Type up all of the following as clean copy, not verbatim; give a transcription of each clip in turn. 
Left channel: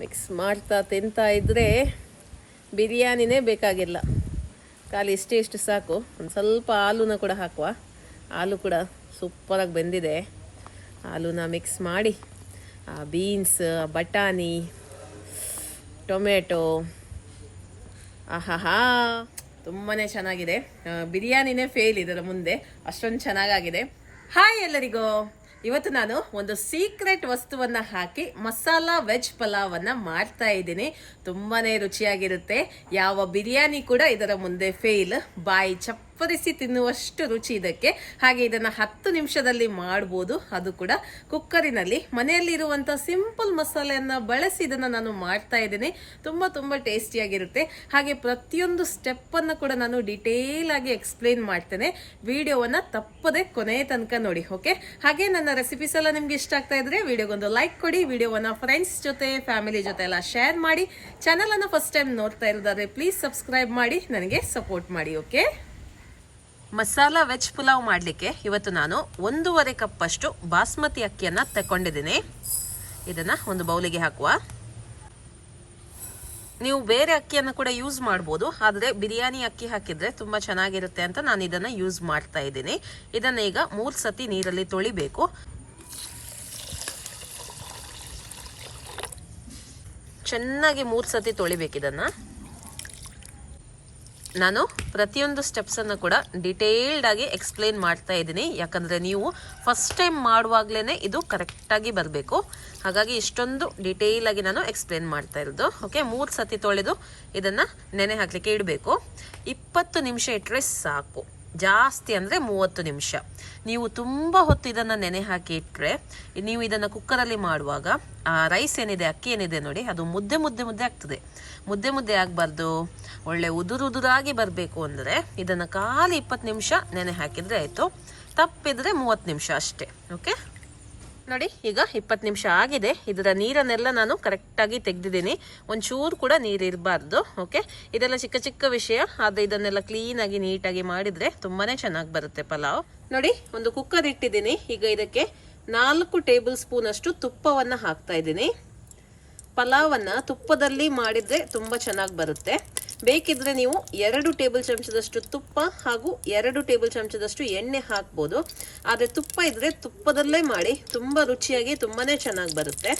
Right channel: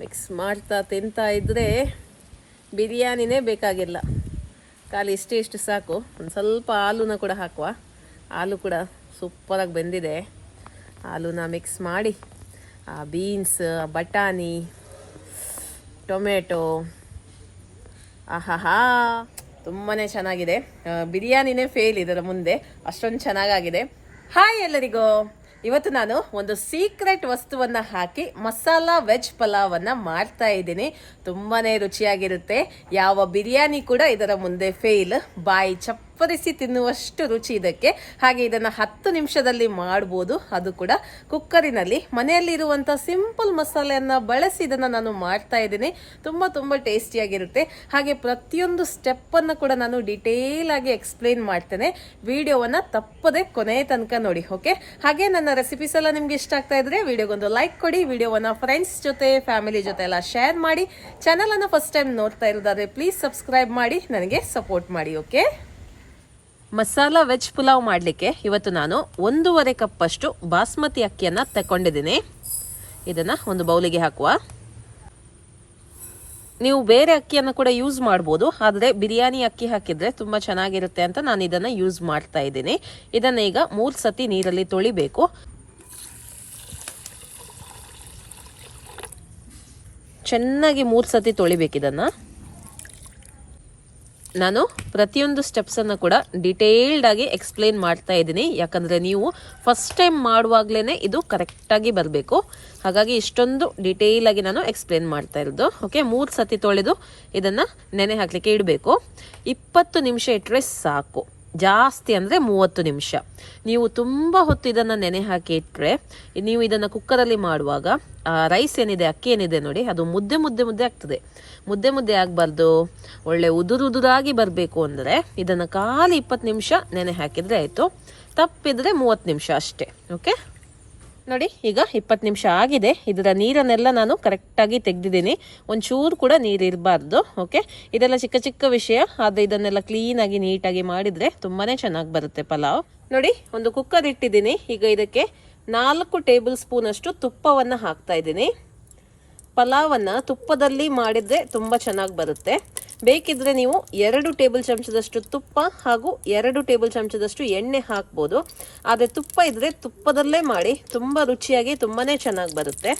Mix ಮಾಡ್ತಾ ತಿಂತಾ ಇದ್ದರೆ ಬಿರಿಯಾನಿನೇ ಬೇಕಾಗಿಲ್ಲ. ಖಾಲಿ ಇಷ್ಟು ಸಾಕು. ಒಂದು ಸ್ವಲ್ಪ ಹಾಲುನ ಕೂಡ ಹಾಕುವ. ಹಾಲು ಕೂಡ ಸೂಪರಾಗಿ ಬೆಂದಿದೆ. ಹಾಲುನ ಮಿಕ್ಸ್ ಮಾಡಿ ಬೀನ್ಸ್, ಬಟಾಣಿ, ಟೊಮೆಟೊ, ಆಹಾಹಾ ತುಂಬಾ ಚೆನ್ನಾಗಿದೆ. ಬಿರಿಯಾನಿನೇ ಫೇಲ್ ಇದರ ಮುಂದೆ, ಅಷ್ಟೊಂದು ಚೆನ್ನಾಗಾಗಿದೆ. ಹಾಯ್ ಎಲ್ಲರಿಗೂ. ಇವತ್ತು ನಾನು ಒಂದು ಸೀಕ್ರೆಟ್ ವಸ್ತುವನ್ನ ಹಾಕಿ ಮಸಾಲಾ ವೆಜ್ ಪಲಾವನ್ನ ಮಾಡ್ತಾ ಇದ್ದೀನಿ. ತುಂಬಾನೇ ರುಚಿಯಾಗಿರುತ್ತೆ. ಯಾವ ಬಿರಿಯಾನಿ ಕೂಡ ಇದರ ಮುಂದೆ ಫೇಲ್. ಬಾಯಿ ಚಪ್ಪರಿಸಿ ತಿನ್ನುವಷ್ಟು ರುಚಿ ಇದಕ್ಕೆ. ಹಾಗೆ ಇದನ್ನ 10 ನಿಮಿಷದಲ್ಲಿ ಮಾಡಬಹುದು. ಅದು ಕೂಡ ಕುಕ್ಕರಿನಲ್ಲಿ ಮನೆಯಲ್ಲಿರುವಂತ ಸಿಂಪಲ್ ಮಸಾಲೆಯನ್ನ ಬಳಸಿ ಇದನ್ನ ನಾನು ಮಾಡ್ತಾ ಇದ್ದೀನಿ. ತುಂಬಾ ಟೇಸ್ಟಿಯಾಗಿರುತ್ತೆ. ಹಾಗೆ ಪ್ರತಿಯೊಂದು ಸ್ಟೆಪ್ ಅನ್ನ ಕೂಡ ನಾನು ಡಿಟೇಲ್ ಆಗಿ ಎಕ್ಸ್ಪ್ಲೈನ್ ಮಾಡ್ತೇನೆ. ವಿಡಿಯೋವನ್ನ ತಪ್ಪದೆ ಕೊನೆ ತನಕ ನೋಡಿ. ಓಕೆ, ಹಾಗೆ ನನ್ನ ರೆಸಿಪೀಸ್ ಎಲ್ಲ ನಿಮ್ಗೆ ಇಷ್ಟ ಆಗ್ತಾ ಇದ್ರೆ ವಿಡಿಯೋಗೊಂದು ಲೈಕ್ ಕೊಡಿ. ವಿಡಿಯೋವನ್ನ ಫ್ರೆಂಡ್ಸ್ ಜೊತೆ, ಫ್ಯಾಮಿಲಿ ಜೊತೆ ಎಲ್ಲ ಶೇರ್ ಮಾಡಿ. ಚಾನಲ್ ಅನ್ನ ಫಸ್ಟ್ ಟೈಮ್ ನೋಡ್ತಾ ಇರೋದಾದ್ರೆ ಪ್ಲೀಸ್ ಸಬ್ಸ್ಕ್ರೈಬ್ ಮಾಡಿ, ನನಗೆ ಸಪೋರ್ಟ್ ಮಾಡಿ. ಓಕೆ, ಮಸಾಲಾ ವೆಜ್ ಪುಲಾವ್ ಮಾಡಲಿಕ್ಕೆ ಇವತ್ತು ನಾನು 1.5 ಕಪ್ ಅಷ್ಟು ಬಾಸ್ಮತಿ ಅಕ್ಕಿಯನ್ನ ತಕೊಂಡಿದ್ದೀನಿ. ಇದನ್ನ ಒಂದು ಬೌಲಿಗೆ ಹಾಕುವ. ನೀವು ಬೇರೆ ಅಕ್ಕಿಯನ್ನು ಕೂಡ ಯೂಸ್ ಮಾಡಬಹುದು, ಆದರೆ ಬಿರಿಯಾನಿ ಅಕ್ಕಿ ಹಾಕಿದ್ರೆ ತುಂಬಾ ಚೆನ್ನಾಗಿರುತ್ತೆ ಅಂತ ನಾನು ಇದನ್ನ ಯೂಸ್ ಮಾಡ್ತಾ ಇದ್ದೀನಿ. ಇದನ್ನ ಈಗ 3 ಸತಿ ನೀರಲ್ಲಿ ತೊಳಿಬೇಕು. ಚೆನ್ನಾಗಿ 3 ಸತಿ ತೊಳಿಬೇಕಿದನ್ನ. ನಾನು ಪ್ರತಿಯೊಂದು ಸ್ಟೆಪ್ಸ್ ಅನ್ನು ಕೂಡ ಡಿಟೇಲ್ಡ್ ಆಗಿ ಎಕ್ಸ್ಪ್ಲೇನ್ ಮಾಡ್ತಾ ಇದ್ದೀನಿ. ಯಾಕಂದ್ರೆ ನೀವು ಫಸ್ಟ್ ಟೈಮ್ ಮಾಡುವಾಗ್ಲೇನೆ ಇದು ಕರೆಕ್ಟ್ ಆಗಿ ಬರಬೇಕು. ಹಾಗಾಗಿ ಇಷ್ಟೊಂದು ಡಿಟೇಲ್ ಆಗಿ ನಾನು ಎಕ್ಸ್ಪ್ಲೇನ್ ಮಾಡ್ತಾ ಇರೋದು. ಓಕೆ, 3 ಸತಿ ತೊಳೆದು ಇದನ್ನ ನೆನೆ ಹಾಕ್ಲಿಕ್ಕೆ ಇಡಬೇಕು. 20 ನಿಮಿಷ ಇಟ್ಟರೆ ಸಾಕು. ಜಾಸ್ತಿ ಅಂದ್ರೆ 30 ನಿಮಿಷ. ನೀವು ತುಂಬಾ ಹೊತ್ತು ಇದನ್ನ ನೆನೆ ಹಾಕಿ ಇಟ್ರೆ ನೀವು ಇದನ್ನ ಕುಕ್ಕರಲ್ಲಿ ಮಾಡುವಾಗ ಆ ರೈಸ್ ಏನಿದೆ, ಅಕ್ಕಿ ಏನಿದೆ ನೋಡಿ, ಅದು ಮುದ್ದೆ ಆಗ್ತದೆ. ಮುದ್ದೆ ಆಗಬಾರ್ದು, ಒಳ್ಳೆ ಉದುರಾಗಿ ಬರಬೇಕು ಅಂದ್ರೆ ಇದನ್ನ ಖಾಲಿ 20 ನಿಮಿಷ ನೆನೆ ಹಾಕಿದ್ರೆ ಆಯ್ತು. ತಪ್ಪಿದ್ರೆ 30 ನಿಮಿಷ ಅಷ್ಟೇ. ಓಕೆ ನೋಡಿ, ಈಗ 20 ನಿಮಿಷ ಆಗಿದೆ. ಇದರ ನೀರನ್ನೆಲ್ಲ ನಾನು ಕರೆಕ್ಟ್ ಆಗಿ ತೆಗೆದಿದ್ದೀನಿ. ಒಂಚೂರು ಕೂಡ ನೀರು ಇರಬಾರ್ದು. ಓಕೆ, ಇದೆಲ್ಲ ಚಿಕ್ಕ ವಿಷಯ, ಆದ್ರೆ ಇದನ್ನೆಲ್ಲ ಕ್ಲೀನ್ ಆಗಿ ನೀಟಾಗಿ ಮಾಡಿದ್ರೆ ತುಂಬಾನೇ ಚೆನ್ನಾಗಿ ಬರುತ್ತೆ ಪಲಾವ್. ನೋಡಿ, ಒಂದು ಕುಕ್ಕರ್ ಇಟ್ಟಿದ್ದೀನಿ. ಈಗ ಇದಕ್ಕೆ 4 ಟೇಬಲ್ ಸ್ಪೂನ್ ಅಷ್ಟು ತುಪ್ಪವನ್ನ ಹಾಕ್ತಾ ಇದ್ದೀನಿ. ಪಲಾವನ್ನ ತುಪ್ಪದಲ್ಲಿ ಮಾಡಿದ್ರೆ ತುಂಬಾ ಚೆನ್ನಾಗಿ ಬರುತ್ತೆ. ಬೇಕಿದ್ರೆ ನೀವು 2 ಟೇಬಲ್ ಚಮಚದಷ್ಟು ತುಪ್ಪ ಹಾಗೂ 2 ಟೇಬಲ್ ಚಮಚದಷ್ಟು ಎಣ್ಣೆ ಹಾಕ್ಬೋದು. ಆದ್ರೆ ತುಪ್ಪ ಇದ್ರೆ ತುಪ್ಪದಲ್ಲೇ ಮಾಡಿ, ತುಂಬಾ ರುಚಿಯಾಗಿ ತುಂಬಾನೇ ಚೆನ್ನಾಗಿ ಬರುತ್ತೆ.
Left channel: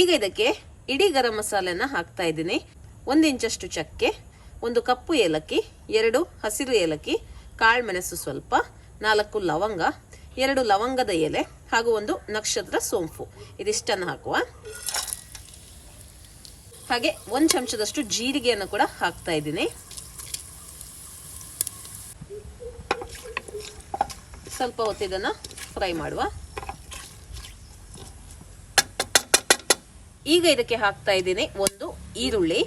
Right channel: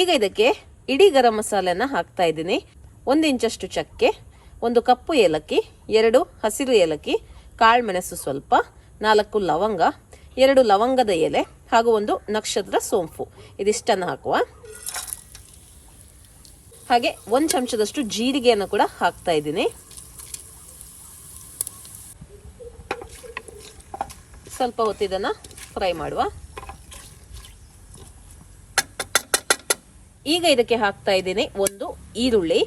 ಈಗ ಇದಕ್ಕೆ ಇಡೀ ಗರಂ ಮಸಾಲೆನ ಹಾಕ್ತಾ ಇದ್ದೀನಿ. 1 ಇಂಚಷ್ಟು ಚಕ್ಕೆ, 1 ಕಪ್ಪು ಏಲಕ್ಕಿ, 2 ಹಸಿರು ಏಲಕ್ಕಿ, ಕಾಳುಮೆಣಸು ಸ್ವಲ್ಪ, 4 ಲವಂಗ, 2 ಲವಂಗದ ಎಲೆ ಹಾಗೂ 1 ನಕ್ಷತ್ರ ಸೋಂಪು. ಇದಿಷ್ಟನ್ನು ಹಾಕುವ. ಹಾಗೆ 1 ಚಮಚದಷ್ಟು ಜೀರಿಗೆಯನ್ನು ಕೂಡ ಹಾಕ್ತಾ ಇದ್ದೀನಿ. ಸ್ವಲ್ಪ ಹೊತ್ತಿದನ್ನ ಫ್ರೈ ಮಾಡುವ. ಈಗ ಇದಕ್ಕೆ ಹಾಕ್ತಾ ಇದ್ದೀನಿ 1 ಈರುಳ್ಳಿ,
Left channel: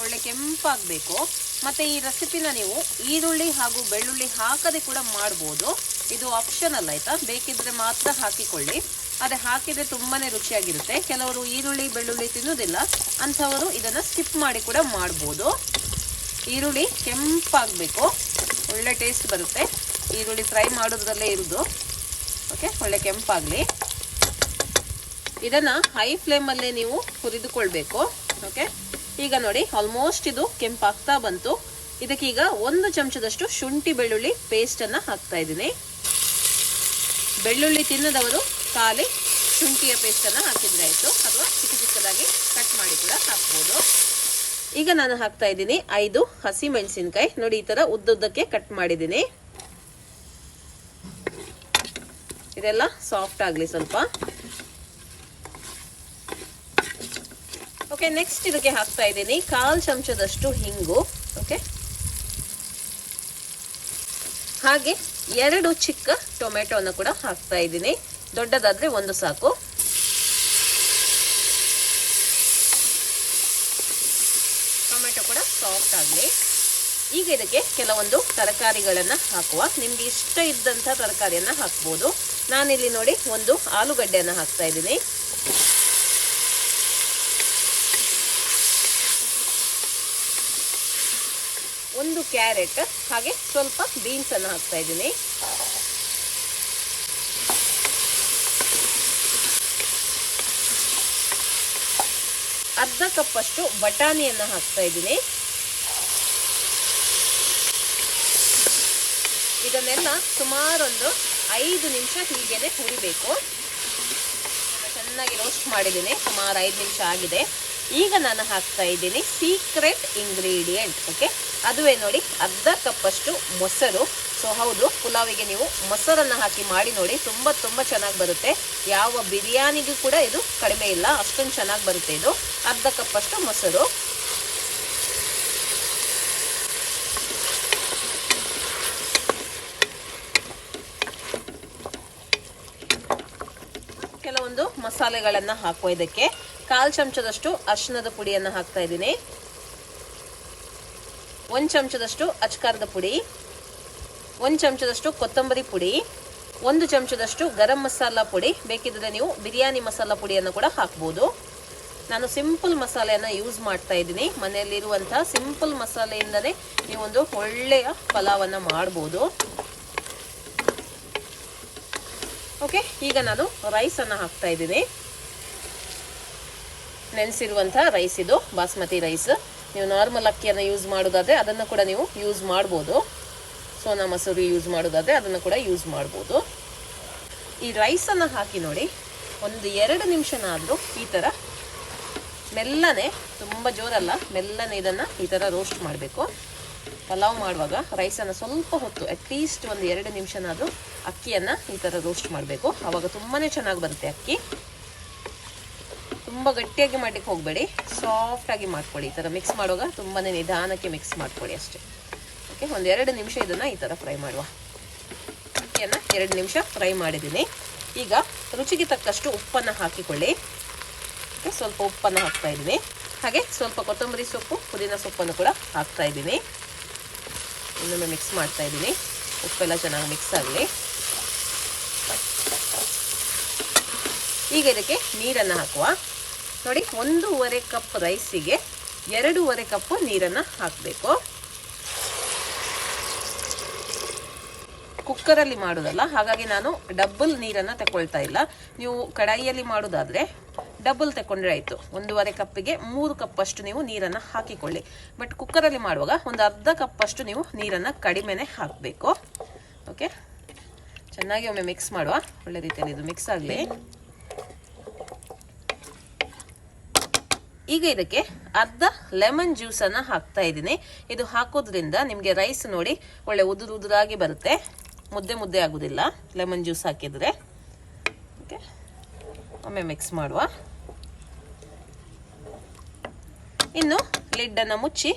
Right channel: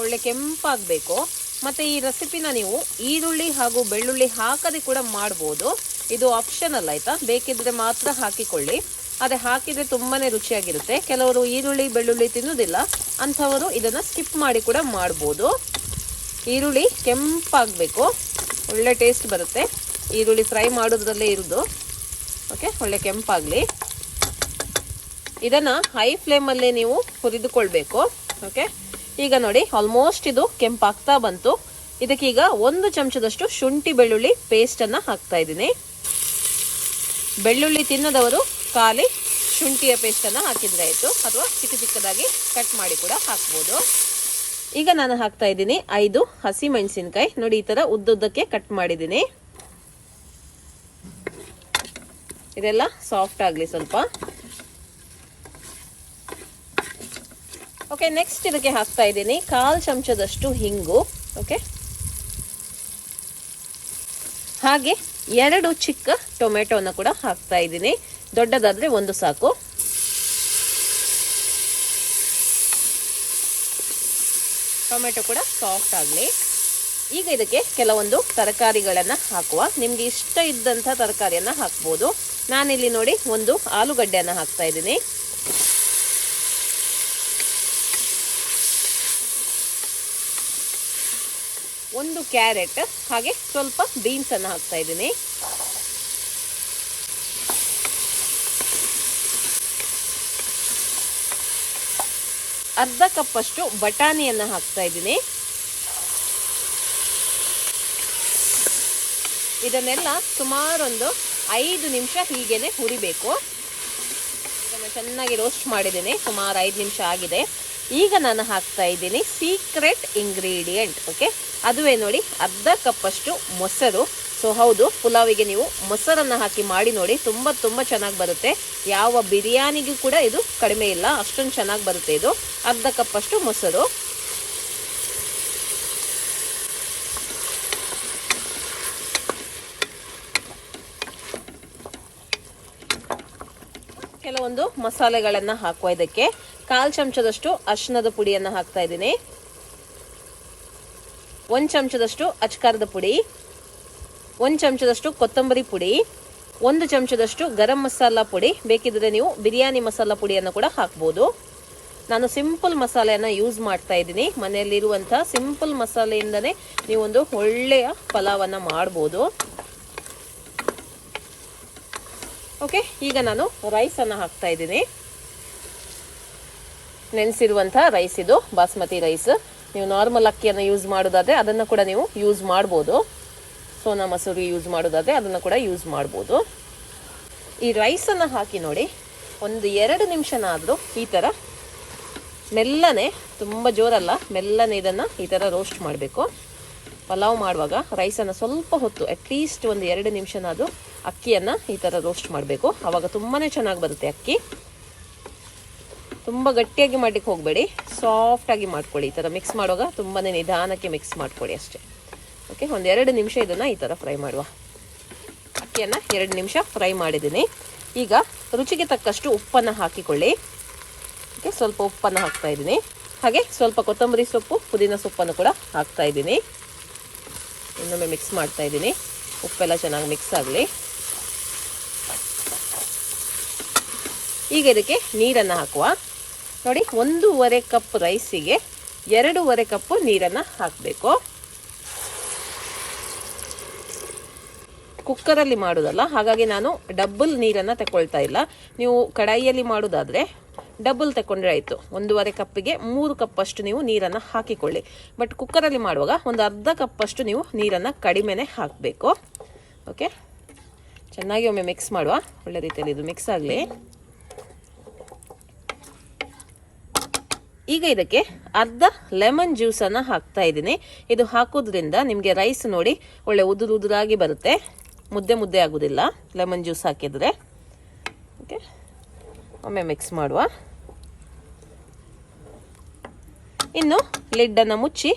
ಒಳ್ಳೆ ಕೆಂಪಾಗಬೇಕು. ಮತ್ತೆ ಈ ರೆಸಿಪಿನ ನೀವು ಈರುಳ್ಳಿ ಹಾಗೂ ಬೆಳ್ಳುಳ್ಳಿ ಹಾಕದೆ ಕೂಡ ಮಾಡಬಹುದು. ಇದು ಆಪ್ಷನಲ್ ಆಯ್ತಾ, ಬೇಕಿದ್ರೆ ಮಾತ್ರ ಹಾಕಿಕೊಳ್ಳಿ. ಅದೇ ಹಾಕಿದ್ರೆ ತುಂಬಾನೇ ರುಚಿಯಾಗಿರುತ್ತೆ. ಕೆಲವರು ಈರುಳ್ಳಿ ಬೆಳ್ಳುಳ್ಳಿ ತಿನ್ನುವುದಿಲ್ಲ, ಅಂಥವರು ಇದನ್ನ ಸ್ಕಿಪ್ ಮಾಡಿ ಕೂಡ ಮಾಡಬಹುದು. ಈರುಳ್ಳಿ ಕೆಂಪಾಗಬೇಕು, ಒಳ್ಳೆ ಟೇಸ್ಟ್ ಬರುತ್ತೆ. ಈರುಳ್ಳಿ ಫ್ರೈ ಮಾಡೋದ್ರಲ್ಲೇ ಇರೋದು. ಓಕೆ, ಒಳ್ಳೆ ಕೆಂಪಾಗಲಿ. ಇದನ್ನ ಹೈ ಫ್ಲೇಮಲ್ಲೇ ನೀವು ಹುರಿದುಕೊಳ್ಬೇಕು. ಓಕೆ, ಈಗ ನೋಡಿ ಆಲ್ಮೋಸ್ಟ್ ಇದು ಕೆಂಪಾಗ್ತಾ ಬಂತು. ಇದಕ್ಕೀಗ 1 ಚಮಚದಷ್ಟು ಶುಂಠಿ ಬೆಳ್ಳುಳ್ಳಿ ಪೇಸ್ಟ್ ಅನ್ನ ಹಾಕ್ತಾ ಇದ್ದೀನಿ. ಬೆಳ್ಳುಳ್ಳಿ ತಿನ್ನದವರು ಖಾಲಿ ಶುಂಠಿಯ ಪೇಸ್ಟ್ ಅನ್ನ ಹಾಕಿದ್ರೆ ಆಯ್ತು, ಅಥವಾ ಚಿಕ್ಕದಾಗಿ ಕಟ್ ಮಾಡಿ ಕೂಡ ಹಾಕ್ಬೋದು. ಈಗ ನಾನು ಹಾಕ್ತಾ ಇದ್ದೀನಿ 5 ಹಸಿ ಮೆಣಸಿನಕಾಯಿ. ನೋಡಿ, ಈ ತರ ಉದ್ದುದ್ದಕ್ಕೆ ಕಟ್ ಮಾಡಿದ್ದೀನಿ. ಇದೆಲ್ಲ ಸಾಫ್ಟ್ ಆಗ್ಲಿ ಸ್ವಲ್ಪ. ಓಕೆ, ನೆಕ್ಸ್ಟ್ ಇದಕ್ಕೆ ಹಾಕ್ತಾ ಇದ್ದೀನಿ 1/4 ಚಮಚದಷ್ಟು ಹಿಂಗು. ಓಕೆ, ಹಾಗೆ 2 ಚಿಕ್ಕ ಟೊಮೆಟೊನ ಕೂಡ ಹಾಕ್ತಾ ಇದ್ದೀನಿ. ದೊಡ್ಡದಾದ್ರೆ 1 ಸಾಕು. ಟೊಮೆಟೊ ಕೂಡ ಸಾಫ್ಟ್ ಆಗಲಿ. ಈಗ ಇದಕ್ಕೆ ಕೆಲವೊಂದು ತರಕಾರಿಗಳನ್ನ ಹಾಕುವ. ನಿಮ್ಗೆ ಇಷ್ಟ ಇದ್ದಂಥ ತರಕಾರಿಯನ್ನ ಹಾಕ್ಬೋದು. ನಾನಿಲ್ಲಿ ನೋಡಿ 1 ಆಲೂಗಡ್ಡೆಯನ್ನ ಹಾಕ್ತಾ ಇದ್ದೀನಿ. 1 ಕ್ಯಾರೆಟ್ ಹಾಗೆ ಸ್ವಲ್ಪ ಬೀನ್ಸ್ ಅನ್ನು ಹಾಕ್ತಾ ಇದ್ದೀನಿ. ಅರ್ಧ ಕಪ್ ಅಷ್ಟು ಬಟಾಣಿಯನ್ನ ಹಾಕ್ತಾ ಇದ್ದೀನಿ. ಇದನ್ನೆಲ್ಲ ಸುಮಾರೊಂದು 5 ನಿಮಿಷ ಹೀಗೇನೆ ಹುರಿಬೇಕು. ಚೆನ್ನಾಗಿ ರೋಸ್ಟ್ ಮಾಡಿದ್ದೀನಿ, ಸುಮಾರು 5 ನಿಮಿಷ ಆಗಿದೆ. ಈಗ ನಾನು ಹಾಕ್ತಾ ಇದ್ದೀನಿ ಸೀಕ್ರೆಟ್ ಇಂಗ್ರೀಡಿಯೆಂಟ್. ಓಕೆ, ಅದುವೇ ನೋಡಿ, ಅರ್ಧ ಕಪ್ ಅಷ್ಟು ಮೊಸರು. ಸೊ ಹೌದು, ಪುಲಾವಿಗೆ ನೀವು ಮೊಸರನ್ನು ಹಾಕಿ ಮಾಡಿ ನೋಡಿ, ತುಂಬ ಚೆನ್ನಾಗಿ ಬರುತ್ತೆ. ಯಾವ ಬಿರಿಯಾನಿಗೂ ಕೂಡ ಇದು ಕಡಿಮೆ ಇಲ್ಲ, ಅಷ್ಟೊಂದು ಚೆನ್ನಾಗಿ ಬರುತ್ತೆ ಇದು. ಅರ್ಧ ಕಪ್ ಅಷ್ಟು ಮೊಸರು. ಕೆಲವೊಂದು ಮಸಾಲೆಗಳನ್ನು ಹಾಕುವ. ಇದಕ್ಕೆ 1/4 ಚಮಚದಷ್ಟು ಅರಿಶಿಣದ ಪುಡಿಯನ್ನು ಹಾಕ್ತಾ ಇದ್ದೀನಿ. 1 ಚಮಚದಷ್ಟು ಅಚ್ಕಾರದ ಪುಡಿ, 1 ಚಮಚದಷ್ಟು ಕೊತ್ತಂಬರಿ ಪುಡಿ, 1 ಚಮಚದಷ್ಟು ಗರಂ ಮಸಾಲ ಪುಡಿ. ಬೇಕಿದ್ರೆ ನೀವು ಬಿರಿಯಾನಿ ಮಸಾಲ ಪುಡಿಯನ್ನು ಕೂಡ ಹಾಕ್ಬೋದು. ನಾನು ಸಿಂಪಲ್ ಮಸಾಲೆಯನ್ನು ಯೂಸ್ ಮಾಡ್ತಾ ಇದ್ದೀನಿ. ಮನೆಯಲ್ಲಿರುವಂತಹ ಸಿಂಪಲ್ ಮಸಾಲೆಯಿಂದನೇ ನೀವೊಂದು ಒಳ್ಳೆಯ ಪಲಾವನ್ನು ಮಾಡ್ಬೋದು. ಓಕೆ, ಈಗ ನಾನು ರೈಸನ್ನು ಹಾಕ್ತಾ ಇದ್ದೀನಿ. ನೆನೆಸಿರುವಂಥ ರೈಸ್ ಇದು, ಬಾಸ್ಮತಿ ರೈಸ್. ನೀವು ನಾರ್ಮಲ್ ಅಕ್ಕಿಯನ್ನು ಯೂಸ್ ಮಾಡೋದಾದರೆ ಅದನ್ನು ಕೂಡ ನೀವು ಯೂಸ್ ಮಾಡ್ಬೋದು. ಸೋನಾ ಮಸೂರಿ ಯೂಸ್ ಮಾಡೋದಾದರೆ ಅದನ್ನು ಕೂಡ ಯೂಸ್ ಮಾಡ್ಬೋದು. ಈ ರೈಸನ್ನು ಹಾಕಿ ನೋಡಿ, ಒಂದು 2 ನಿಮಿಷನಾದರೂ ಈ ಥರ ಮೆಲ್ಲನೆ, ತುಂಬ ಜೋರಲ್ಲ, ಮೆಲ್ಲನೆ ಇದನ್ನು ಈ ಥರ ರೋಸ್ಟ್ ಮಾಡಬೇಕು. ಪಲಾವ್ ಮಾಡುವಾಗ ರೈಸನ್ನು ಸ್ವಲ್ಪ ಹೊತ್ತು, ಅಟ್ಲೀಸ್ಟ್ ಒಂದು 2 ನಿಮಿಷನಾದರೂ ಅಕ್ಕಿಯನ್ನು ಈ ಥರ ರೋಸ್ಟ್ ಮಾಡಬೇಕು. ಆವಾಗ ತುಂಬಾ ಚೆನ್ನಾಗಿ ಬರುತ್ತೆ ಅಕ್ಕಿ. ತುಂಬ ಗಟ್ಟಿಯಾಗಿ ಮಾಡಲಿಕ್ಕೆ ಹೋಗಬೇಡಿ, ಸಾಫ್ಟಾಗಿ ಮಾಡ್ಕೊಳ್ಳಿ. ಈ ಥರ ಮಿಕ್ಸ್ ಮಾಡುವಾಗ ತುಂಬಾ ನಿಧಾನಕ್ಕೆ ಮಿಕ್ಸ್ ಮಾಡ್ಕೊಳ್ಳಿ ಅಷ್ಟೇ. ಓಕೆ, ಒಂದು 2 ನಿಮಿಷ ಇದನ್ನು ಈ ಥರ ಫ್ರೈ ಮಾಡುವ. ಅಕ್ಕಿಯನ್ನು 2 ನಿಮಿಷ ಫ್ರೈ ಮಾಡಿದ್ದೀನಿ. ಈಗ ರುಚಿಗೆ ತಕ್ಕಷ್ಟು ಉಪ್ಪನ್ನು ಹಾಕಿಕೊಳ್ಳಿ. ಓಕೆ, ಸ್ವಲ್ಪ ಉಪ್ಪನ್ನು ಹಾಕ್ತಾ ಇದ್ದೀನಿ. ಹಾಗೆ ಸ್ವಲ್ಪ ಕೊತ್ತಂಬರಿ ಸೊಪ್ಪು, ಪುದೀನ ಸೊಪ್ಪನ್ನು ಕೂಡ ಹಾಕ್ತಾ ಇದ್ದೀನಿ. ಇನ್ನೊಮ್ಮೆ ಮಿಕ್ಸ್ ಮಾಡ್ತಾ ಇದ್ದೀನಿ. ಉಪ್ಪೆಲ್ಲ ಚೆನ್ನಾಗಿ ಮಿಕ್ಸ್ ಆಗಲಿ. ಈಗ ಇದಕ್ಕೆ ನೀರನ್ನು ಹಾಕುವ. ನೋಡಿ, 1.5 ಕಪ್ ರೈಸಿಗೆ 2.5 ಕಪ್ ನೀರನ್ನು ಹಾಕಬೇಕು. ಕುಕ್ಕರಲ್ಲಿ ಮಾಡೋದಲ್ಲ, ಹಾಗಾಗಿ ನಾನು ಡಬಲ್ ನೀರನ್ನು ತಗೊಳ್ತಾ ಇಲ್ಲ. ನೀವು ಕಡಾಯಿಯಲ್ಲಿ ಮಾಡೋದಾದರೆ ಡಬಲ್ ತಗೊಂಡ್ರೆ ಆಯಿತು. 1.5 ಕಪ್ಪಿಗೆ 3 ಕಪ್ ಅಷ್ಟು ನೀವು ನೀರನ್ನು ಹಾಕಿಕೊಳ್ಳಿ. ಬಟ್ ಕುಕ್ಕರಲ್ಲಿ ಮಾಡುವಾಗ ಒಂದು ಅರ್ಧ ಕಪ್ ಅಷ್ಟು ನೀವು ನೀರನ್ನು ಕಡಿಮೆನೆ ಹಾಕಬೇಕು. ಓಕೆ, ಚೆನ್ನಾಗಿ ಒಮ್ಮೆ ಮಿಕ್ಸ್ ಮಾಡುವ. ಒಳ್ಳೆ ರೀತಿಯಲ್ಲಿ ಇದು ಮಿಕ್ಸ್ ಆಗಲಿ. ಈಗ ಇದಕ್ಕೆ ಅರ್ಧ ಲೆಮನ್ ಜ್ಯೂಸನ್ನು ಹಾಕ್ತಾ ಇದ್ದೀನಿ. ಇದು ಹಾಕೋದ್ರಿಂದ ನಿಮಗೆ ರೈಸ್ ನೋಡಿ ಒಳ್ಳೆ ಉದುರಾಗಿ ಬರುತ್ತೆ, ಮುದ್ದೆ ಆಗೋದಿಲ್ಲ ಲೆಮನ್ ಜ್ಯೂಸ್ ಹಾಕಿದರೆ. ಓಕೆ, ಒಮ್ಮೆ ಮಿಕ್ಸ್ ಮಾಡುವ. ಇನ್ನು ಲಿಡ್ಡನ್ನು ಮುಚ್ಚಿ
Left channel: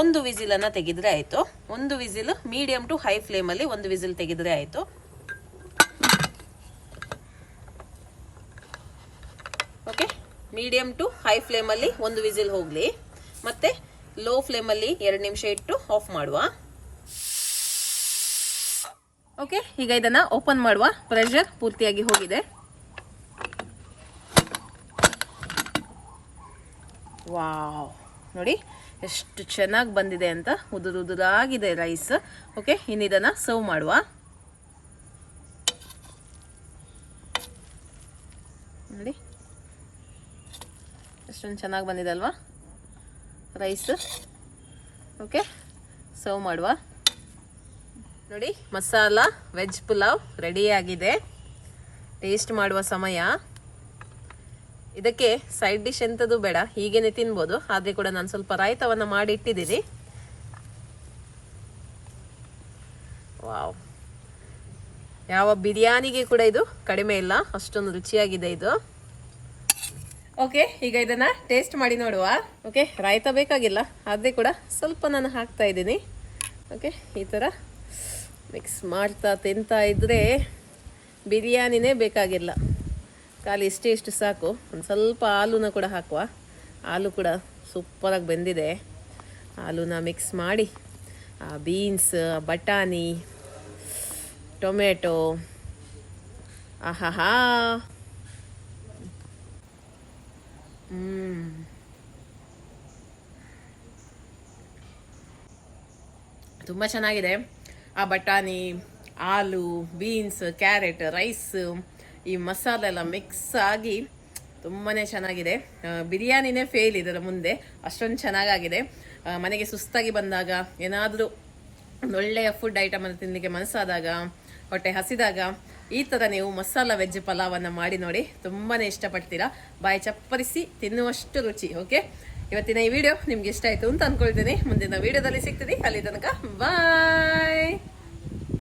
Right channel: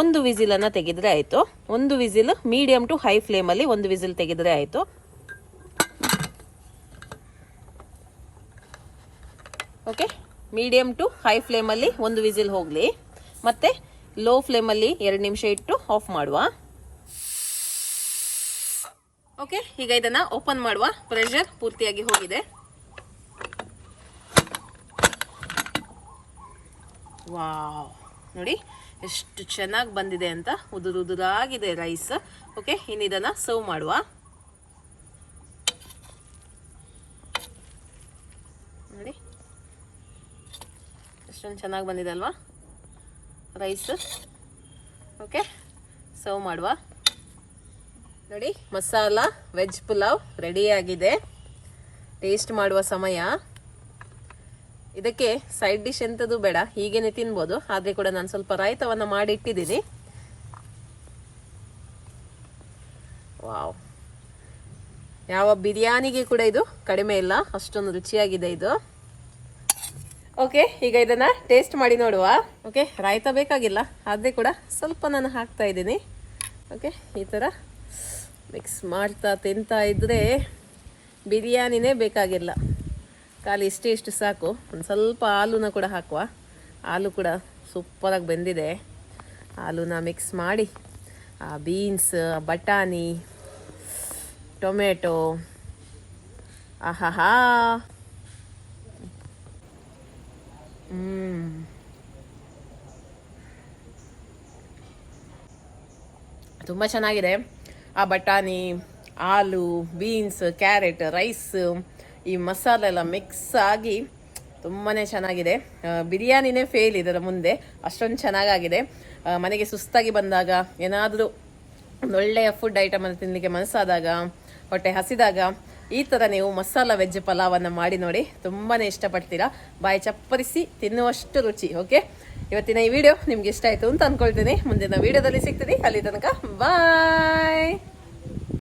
1 ವಿಸಿಲನ್ನು ತೆಗೆದರೆ ಆಯಿತು. 1 ವಿಸಿಲ್, ಮೀಡಿಯಂ ಟು ಹೈ ಫ್ಲೇಮಲ್ಲಿ 1 ವಿಸಿಲ್ ತೆಗೆದರೆ ಆಯಿತು. ಓಕೆ, ಮೀಡಿಯಂ ಟು ಹೈ ಫ್ಲೇಮಲ್ಲಿ 1 ವಿಸಿಲ್ ಹೋಗಲಿ. ಮತ್ತೆ ಲೋ ಫ್ಲೇಮಲ್ಲಿ 2 ನಿಮಿಷ ಇಟ್ಟು ಆಫ್ ಮಾಡುವ. ಓಕೆ, ಈಗ ಇದನ್ನು ಓಪನ್ ಮಾಡುವ. ಪ್ರೆಷರ್ ಪೂರ್ತಿಯಾಗಿ ಹೋಗಿದೆ. ವಾವ್, ನೋಡಿ ಎಷ್ಟು ಚೆನ್ನಾಗಿ ಬಂದಿದೆ ಅಂತ. ಉದುರಾಗಿದೆ ರೈಸ್. ಓಕೆ, ಇನ್ನು ಇದನ್ನು ಸರ್ವ್ ಮಾಡುವ. ನೋಡಿ ಎಷ್ಟೊಂದು ಚೆನ್ನಾಗಿ ಬಂದಿದೆ ಅಲ್ವಾ ರೈಸ್. ಓಕೆ, ಸರ್ವ್ ಮಾಡುವ. ನೋಡಿ, ಮಸಾಲ ವೆಜ್ ಪುಲಾವ್ ರೆಡಿಯಾಗಿದೆ. ಟೇಸ್ಟ್ ಮಾಡುವ ಸಮಯ. ಇದಕ್ಕೆ ಸೈಡ್ ಡಿಶ್ ಎಂಥದ್ದು ಬೇಡ, ಹೀಗೇನೆ ತಿನ್ಬೋದು. ಆದರೆ ಕೂಡ ನಾನು ಸ್ವಲ್ಪ ರಾಯ್ತವನ್ನು ಮಾಡಿ ಇಟ್ಟಿದ್ದೀನಿ. ವಾವ್, ಯಾವ ಬಿರಿಯಾನಿಗೆ ಕೂಡ ಇದು ಕಡಿಮೆ ಇಲ್ಲ, ಅಷ್ಟೊಂದು ರುಚಿಯಾಗಿದೆ ಇದು. ಓಕೆ, ಈಗ ಇದನ್ನು ಟೇಸ್ಟ್ ಮಾಡಿ ನೋಡುವ. ಓಕೆ, ರಾಯ್ತ ಬೇಕಾಗಿಲ್ಲ, ಆದರೆ ಕೂಡ ಸ್ವಲ್ಪ ನಾನು ಹಾಕ್ತಾ ಇದ್ದೀನಿ. ಓಕೆ, ಈ ಥರ ಮಿಕ್ಸ್ ಮಾಡ್ತಾ ತಿಂತಾ ಇದ್ದರೆ ಬಿರಿಯಾನಿನೇ ಬೇಕಾಗಿಲ್ಲ. ಖಾಲಿ ಇಷ್ಟು ಸಾಕು. ಒಂದು ಸ್ವಲ್ಪ ಆಲೂನ ಕೂಡ ಹಾಕುವ. ಆಲೂ ಕೂಡ ಸೂಪರಾಗಿ ಬೆಂದಿದೆ. ಆಲೂನ ಮಿಕ್ಸ್ ಮಾಡಿ ಬೀನ್ಸ್, ಬಟಾಣಿ, ಟೊಮೆಟೊ, ಆಹಾಹಾ, ತುಂಬ ಚೆನ್ನಾಗಿದೆ. ಆ ಬಟಾಣಿ, ಆಲೂ, ಬೀನ್ಸ್, ಕ್ಯಾರೆಟ್, ರೈಸ್, ಈ ಮಸಾಲೆ ಎಲ್ಲ ಮಿಕ್ಸ್ ಆಗಿ ತುಂಬಾ ಚೆನ್ನಾಗಿದೆ. ಬಿರಿಯಾನಿನೇ ಫೇಲ್ ಇದರ ಮುಂದೆ, ಅಷ್ಟೊಂದು ಚೆನ್ನಾಗಾಗಿದೆ. ಮನೆಗೆ ಸುಸ್ತಾಗಿ ಬಂದಾಗ, ಏನಾದರೂ ಒಂದು ಒಳ್ಳೆಯ ಫುಡ್ ಐಟಮನ್ನು ತಿನ್ನಲಿಕ್ಕೆ ಮನಸ್ಸಾದಾಗ, ಹೊಟ್ಟೆ ಹಸಿದಾಗ ಈ ಥರ ನೀವು ಮಸಾಲ ವೆಜ್ ಪಲಾವನ್ನು ಮಾಡಿ ನೋಡಿ, ತುಂಬಾ ಇಷ್ಟಪಡ್ತೀರಾ. ಬಾಯಿ ಚಪ್ಪರಿಸಿ ತಿನ್ನುವಷ್ಟು ರುಚಿ. ಓಕೆ, ಇವತ್ತಿನ ಈ ವಿಡಿಯೋ ನಿಮ್ಗೆ ಇಷ್ಟ ಆಯಿತು ಅಂತ ಅಂದ್ಕೊಳ್ತೀನಿ. ಮುಂದಿನ ವಿಡಿಯೋದಲ್ಲಿ ಸಿಗ್ತೀನಿ. ಅಲ್ಲಿ ತನಕ ಬಾಯ್.